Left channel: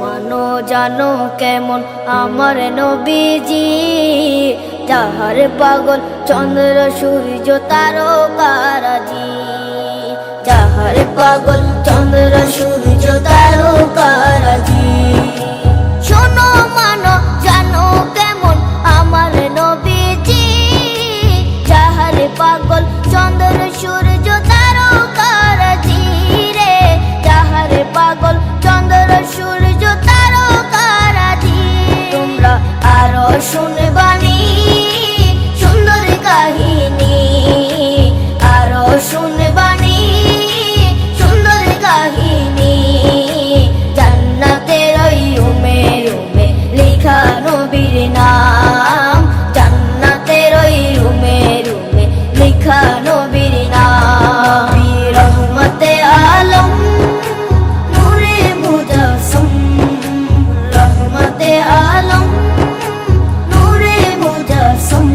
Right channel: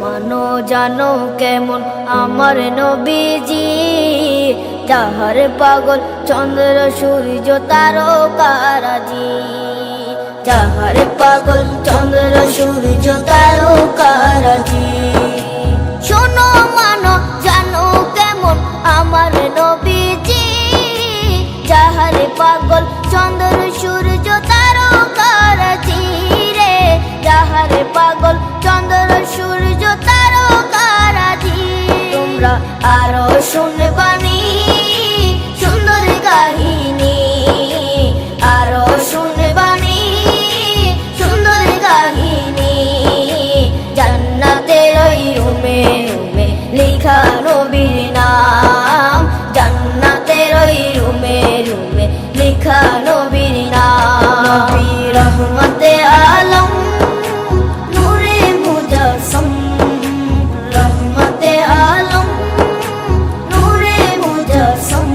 মানো জানো কেমন আমার নবীজি, যাহার পাগল চন্দ্র সূর্য তারকারাজি, যাহার পাগল চন্দ্র সূর্য তারকারাজি। শোনো মানো জানো কেমন আমার নবীজি, যাহার পাগল চন্দ্র সূর্য তারকারাজি রে, যাহার পাগল চন্দ্র সূর্য তারকারাজি। তোমরা আরো শুনবানি সুন্দর কাহিনী, আরো শুনবানি সুন্দর কাহিনী। জান্নাতের ওই রুমে রুমে লেখা নবীর নাম, জান্নাতের ওই রুমে রুমে লেখা নবীর নাম। নবী রহমতে আলম নূরে মুজাসসম, রহমতে আলম নূরে মুজাসসম।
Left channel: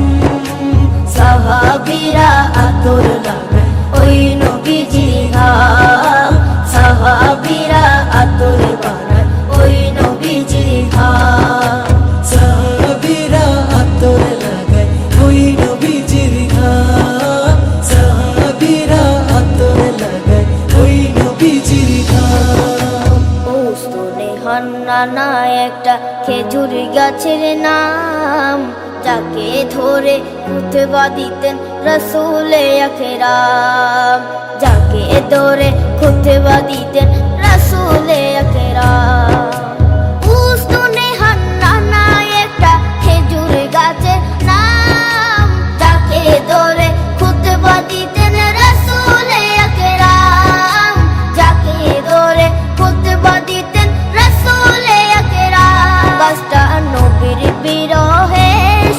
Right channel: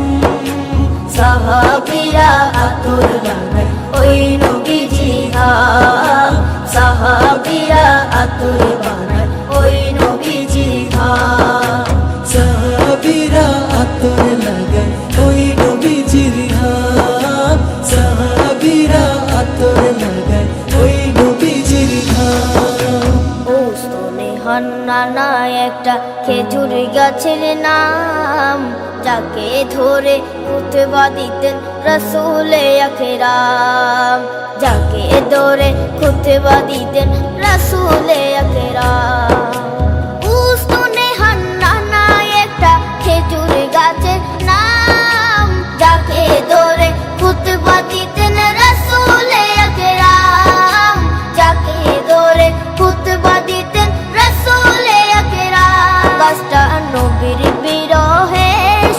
সাহাবীরা আতর বানায় ওই নবীজির ঘাম, সাহাবীরা আতর বানায় ওই নবীজির ঘাম। সাহাবীরা আতর লাগায় ওই নবীজির ঘাম, সাহাবীরা আতর লাগায় ওই নবীজির ঘাম। ও স্তনে হান্নানা একটা খেজুর গাছের নাম, যাকে ধরে খুতবা দিতেন রাসূলে আকরাম, যাকে ধরে খুতবা দিতেন রাসূলে আকরাম। উস্তনে হান্নানা একটা খেজুর গাছের নাম, যাকে ধরে খুতবা দিতেন রাসূলে আকরাম, যাকে ধরে খুতবা দিতেন রাসূলে আকরাম। গাছটা নবীর বিরহে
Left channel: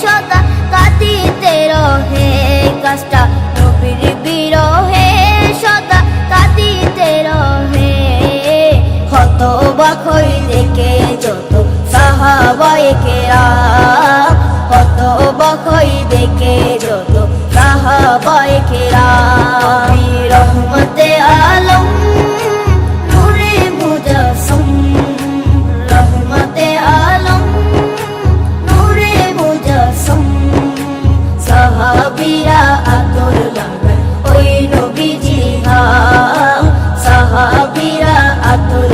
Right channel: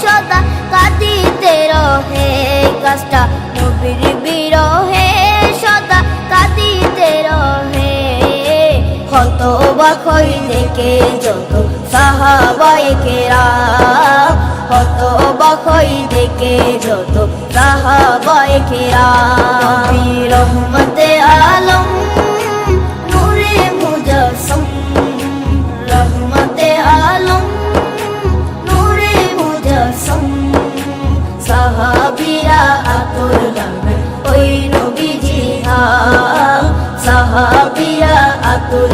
সদা কাঁদিতে রহে, গাছটা নবীর বিরহে সদা কাঁদিতে রহে। হতবাক হয়ে দেখে যত সাহাবায়ে কেরাম, হতবাক হয়ে দেখে যত সাহাবায়ে কেরাম। নবী রহমতে আলম নূরে মুজাসসম, রহমতে আলম নূরে মুজাসসম। সাহাবীরা আতর বানায় ওই নবীজির ঘাম, সাহাবীরা আতর